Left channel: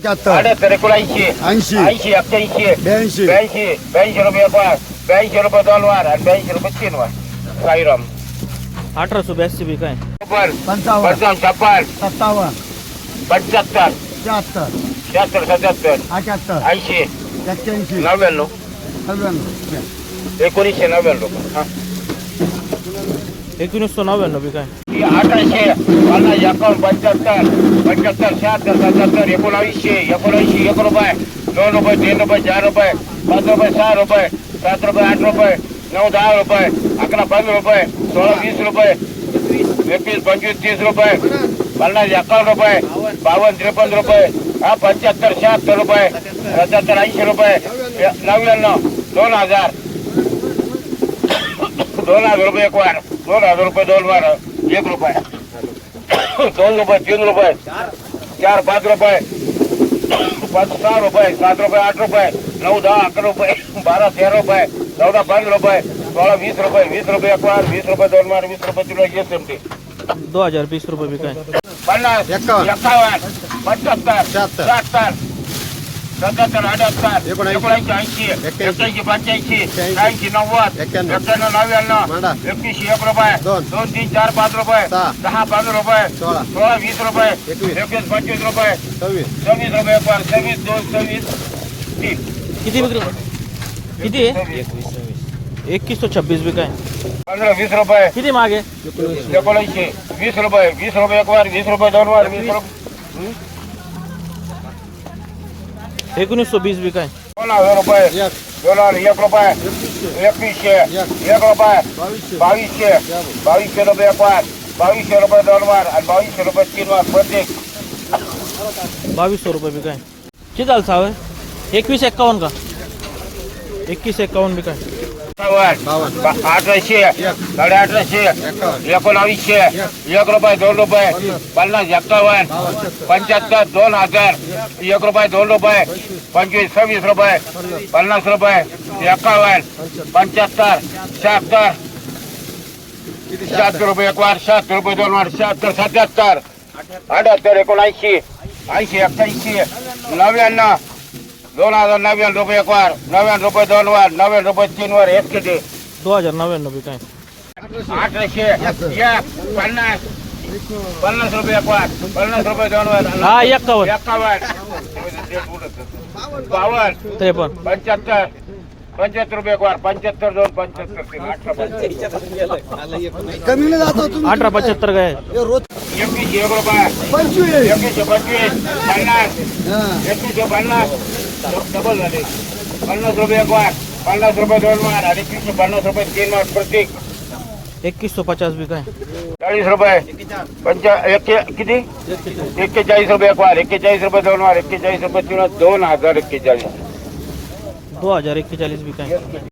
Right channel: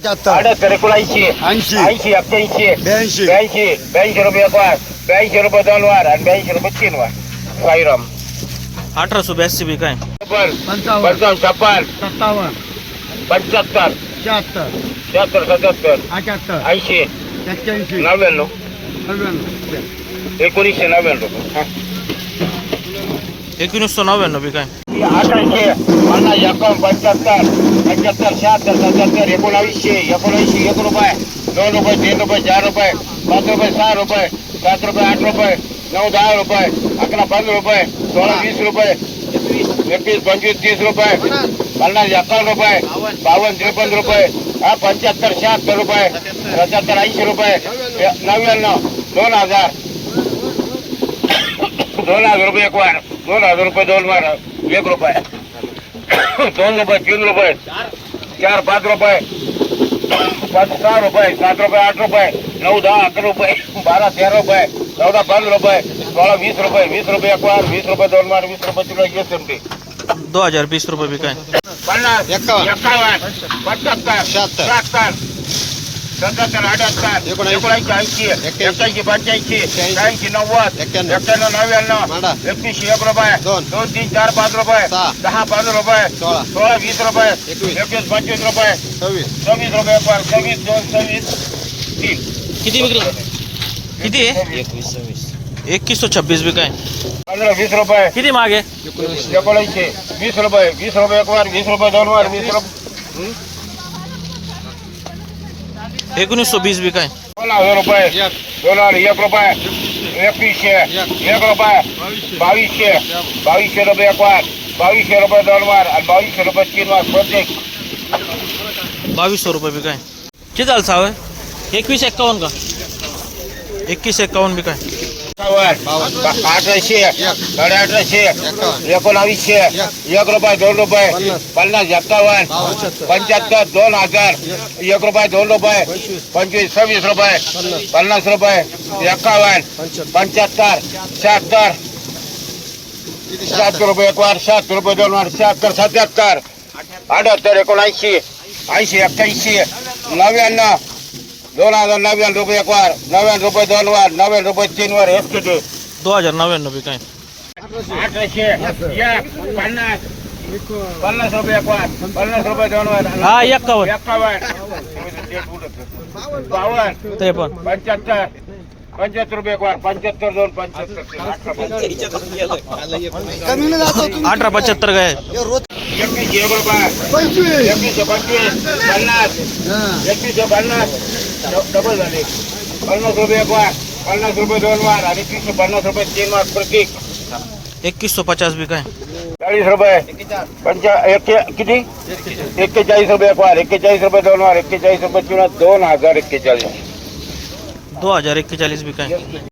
पंच्याहत्तर अठ्याहत्तर एकोणऐंशी ऐंशी ऐंशी एक्क्याऐंशी ब्याऐंशी ब्याऐंशी ब्याऐंशी रुपये एक वार ब्याऐंशी रुपये दोन वार आणि ब्याऐंशी रुपये तीन वार साईराम अठराशे ब्याऐंशी बी काय छप्पन पंचावन्न पंचावन्न छप्पन सत्तावन्न पंच्याहत्तर शहात्तर शहात्तर सत्याहत्तर अठ्याहत्तर ऐंशी एक्क्याऐंशी नव्याण्णव नव्याण्णव एकोणीसशे नव्याण्णव हा. एकोणीसशे नव्याण्णव बी काय આંકડે છે. હાલના એકમ પંચોતેર પંચોતેર સાત સત્યોતેર એકોણાવીસો એકોણાવીસ એક રૂપિયા ત્રણ રૂપિયા ત્રણ રૂપિયા, ચાર રૂપિયા, પાંચ રૂપિયા ચાર રૂપિયા, સાત રૂપિયા, આઠ રૂપિયા, નવ, દસ રૂપિયા, આંકડા પંદર રૂપિયા, સોળ, વીસ રૂપિયા, એકવીસ પંચવીસ ત્રીસ રૂપિયા હાલના એકમ રૂપિયા, બાવન, ત્રેપન રૂપિયા હા પંચોતેર સાત રૂપિયા, સત્યોતેર એંશી રૂપિયા નવ્યાણું દોન હજાર. દોન હજાર રૂપિયા એક વાર દોન હજાર રૂપિયા દોન વાર. एक रुपये दोन रुपये तीन रुपये चार पाच रुपये पाच सहा रुपये सात रुपये आठ रुपये नऊ दहा अकरा रुपये बारा तेरा रुपये चौदा पंधरा रुपये सोळा वीस रुपये वीस रुपये एक वार वीस रुपये दोन वार वीस रुपये तुला एस एम टी दोन हज़ार वीस रुपये बी काय पन्नास एकावन्न. एकावन्न पंच्याहत्तर शहात्तर. शहात्तर सत्याहत्तर अठ्याहत्तर एकोणऐंशी. ऐंशी एक्क्याऐंशी. पंच्याऐंशी. नव्वद एक्क्याण्णव. नव्याण्णव. एकतीसशे एक रुपये दोन. तीन चार पाच रुपये दहा पाच रुपये सोळा. वीस रुपये एकवीस. एकवीस पंचवीस रुपये सव्वीस सव्वीस रुपये पर सव्वीस दोन सव्वीस तीन किती विक्री किती आहे एकवीसशे छब्बीस बी काय पंधरा वीस रुपये किती मागे एकोणऐंशी वीस रुपये वीस रुपये एक वार वीस रुपये दोन वार वीस रुपये एकोणीसशे वीस बी काय दोन हज़ार रुपये. एक. दोन हज़ार एक रुपये. एकवीसशे. एक. रुपये. बावीसशे. बावीसशे. रुपये एक वार बावीसशे रुपये दोन वार आणि बावीसशे रुपये तीन वार प्रत्येक. बावीसशे रुपये बी काय किती झालं सावं? एकवीस एक्कावन्न का? एकवीस एक्कावन्न बी काय अठराशे साडे अठराशे एकोणावीसशे एक रुपये दोन रुपये पन्नास एक्कावन्न पंच्याहत्तर दोन हजार एक रुपये दोन रुपये पंचवीस सव्वीस रुपये पन्नास रुपये एक्कावन्न पंच्याहत्तर शहात्तर शहात्तर रुपये एक वार शहात्तर रुपये दोन वार शहात्तर सत्याहत्तर अठ्याहत्तर एकोणऐंशी ऐंशी एक्क्याऐंशी नव्याण्णव दोन हज़ार नव्याण्णव रुपये एक वार नव्याण्णव रुपये दोन वार नव्याण्णव रुपये तीन वार एस के टी दोन हज़ार नव्याण्णव बी काय अठराशे एक पन्नास पन्नास रुपये एक वार पन्नास रुपये दोन वार हा एक्कावन्न एक्कावन्न बावन्न त्रेपन्न पंच्याहत्तर पंच्याहत्तर रुपये एक वार पंच्याहत्तर दोन पंच्याहत्तर अठरा पंच्याहत्तर. अठरा काय एकवीसशे एक रुपये पंचवीस एकवीसशे पंचवीस पन्नास एकवीसशे पन्नास डबल पन्ना रुपये एक वार पन्ना रुपये दोन वार एकवीसशे पन्नास रुपये तीन वार प्रत्येक एकवीसशे पचास बी काय चालीस रुपये। पंचा किती रुपये एक वार एक्केचाळीस रुपये दोन वार एक्केचाळीस रुपये तीन वार, दोन हज़ार एक्केचाळीस दो हज़ार एक्केचाळीस बी काय